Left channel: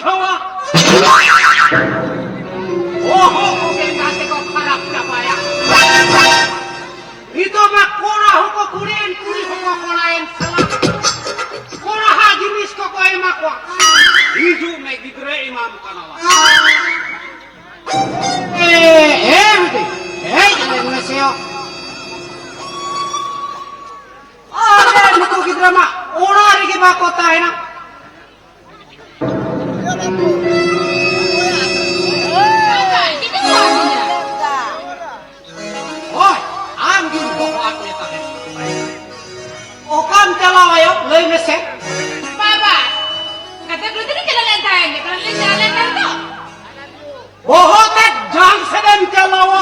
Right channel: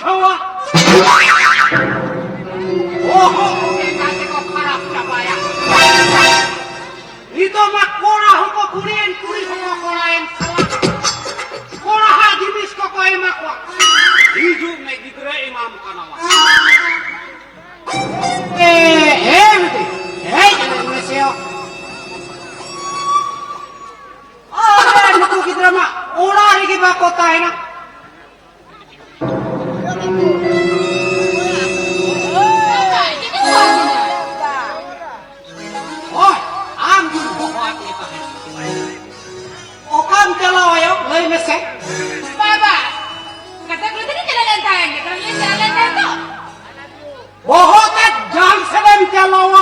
बुझावा ओहो कोई बातें को खराब चबाया itu mah kolah ko kurien kuri ko kolaen salah kolah jinis ko ko emak ko hiju me gidre imam kanawa bete jalan meseo nuku gidre mah ora rigi ba kota hai na चलाओ यो लई में से बाबा कथा कृति नहीं चला लेता है तो बहुत ढंग से नहीं चलाओ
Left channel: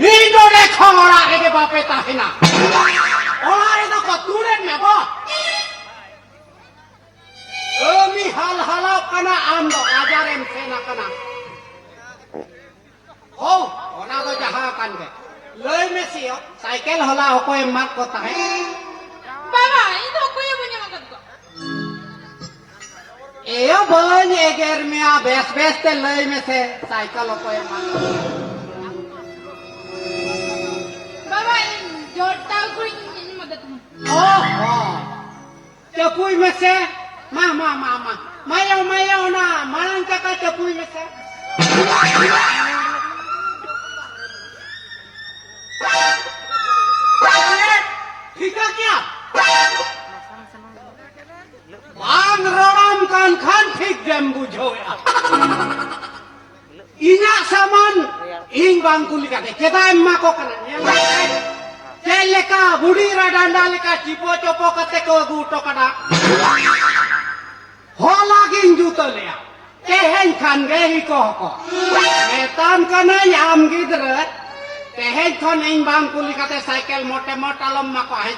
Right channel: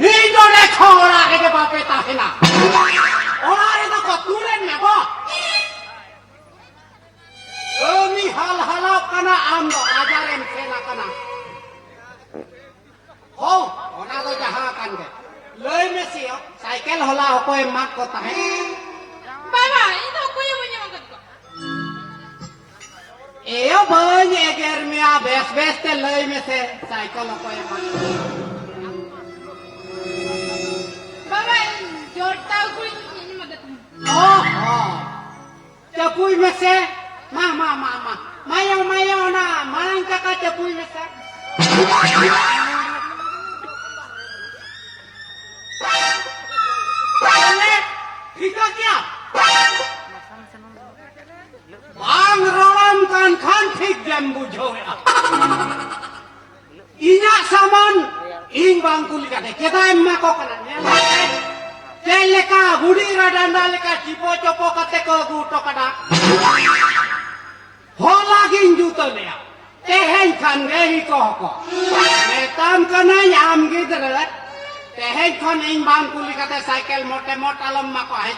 नींदो ने छोड़ा के बापे ताहे ना और आरे तो कतूरे में बा ओमी हाल हालो कना आम दो आजारे में ना कना हो ओना को जहां कान के लई में से साइकिल होला कोई मत को ताहे बाबा itu aku yang punya makan kok एयो बन एगर में आ बेस ते लई में से साइकिल कोई मत बाबा जोड़ता aku ini मदद ओहो चपुई में से मा मायो ना मांग का चपुई में से ठीक है क्या मांग रोड़न कौन खान ठीक जम बुझो इना सामान इन बांगकुली का दे केदा एम्मा को कना तेले का बुड़ी रा डांडा लेका चिपो चोपो कते को गुटो कड़ा हो लागिन जूतो लिया तेहन खान रे ही को मेताम कना याम गिदरे तेहन खान इन बांगकुली का दे साइकिल मोटे मोटा लम्मा को है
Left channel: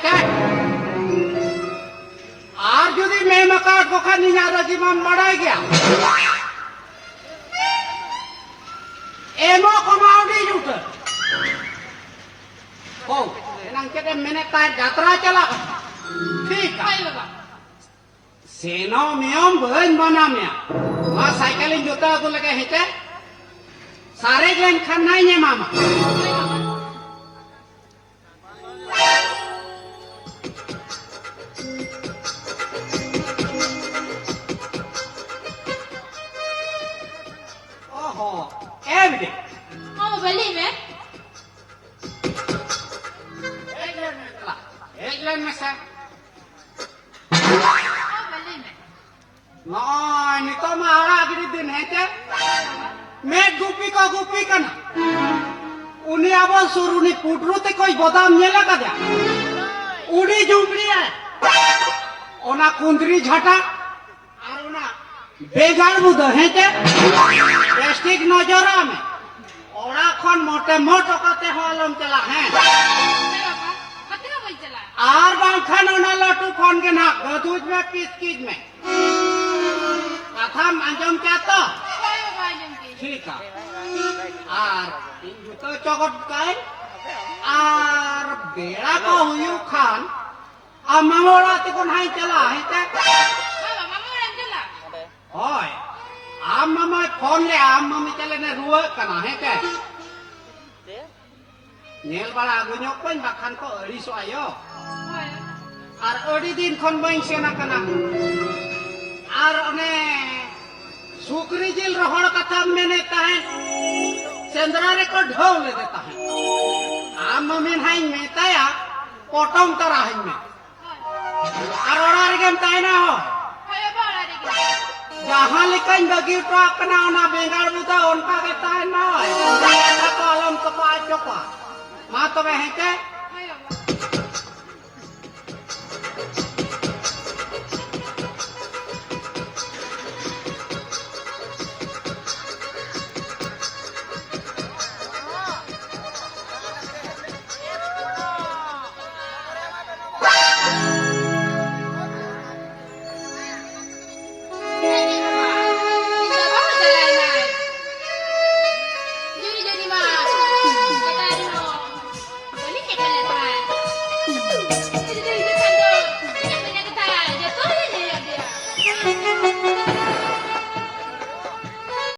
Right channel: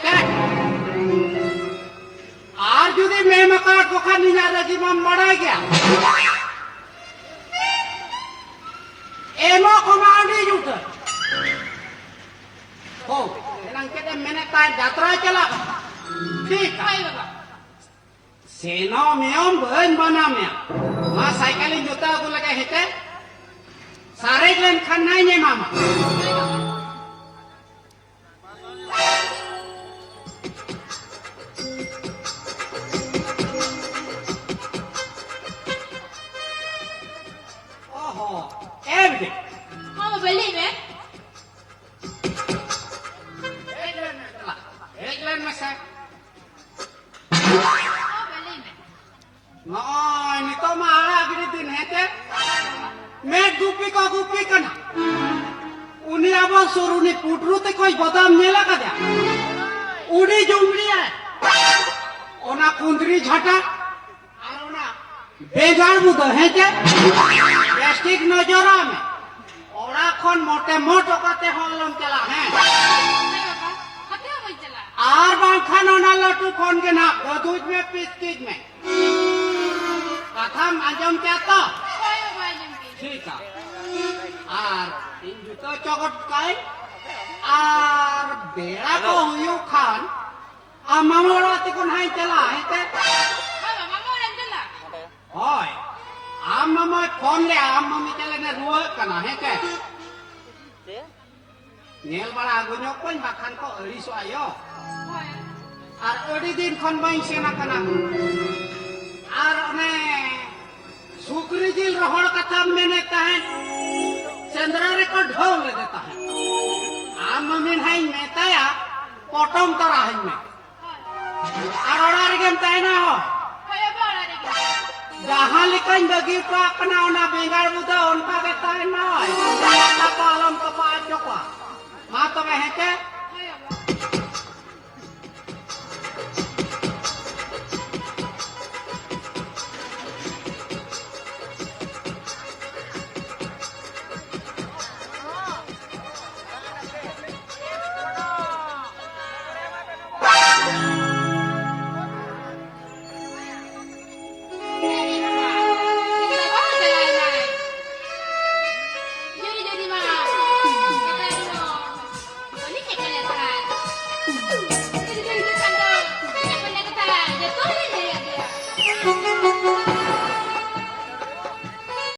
আর যদি মেমাকাট কোখা নিজারা জিমাম বড়াই গিয়া এমো কমাউন্ডি জুতে ও এনাং কেটে মেনে তা যাত্রা চলা ঠিক Hai बाबा সেনো মিয়ম বইন বানামিয়া মা সাইকেল জুতা কো লাগে হেতে সারে গলেন খান নাই নে মামা mau beli में एक लेन में से mau beli में नहीं तो महारा अगले दिन है ते मैं गुप्पी का ना उन्हें अब सुरुनी पुटरू ते कोई बादाम नेला का दिया उड़ी जुमड़ी है ओना कुंदरी झटा और ओना बेजार बुद है ते प्लास्टिक नजरा में ओरा खन मोटे मोटो काते होलम चला है बाबा कथा बोल चला आर बांखन ओना लटू खन के ना गदूज में पिसकीज में कथा अंजम क्या तो कोई बाबा जंपी ठीक है आर इन जूतो चौकट काई आर बेड़ा को हुयू खान आ मामोरा तिकोन हाई चला है ते बाबा मामा orang चला होय आम मामा फोन ले आम मम्मी चले ने रुआ कना है के नेल बड़ा गुन्यो कोन बाखान को अड़ी सो आयो आर अड़ी दिन खन बाइन सेना कना आर ओने सुकरी जिल रहड़ कथा मैंने कहे चंद्रा रे को ढोल ले देता है आम मम्मी हाई मेताया पोटम करा है में आर ओड़ा रे गेम ताई ना हो Hai बाबा रे जहाँ लिखन बगी ट्रक ना ओना बेगार बुदा उनका के ताई ना हो जहाँ का कलम तो पाए चोका माँ तो है के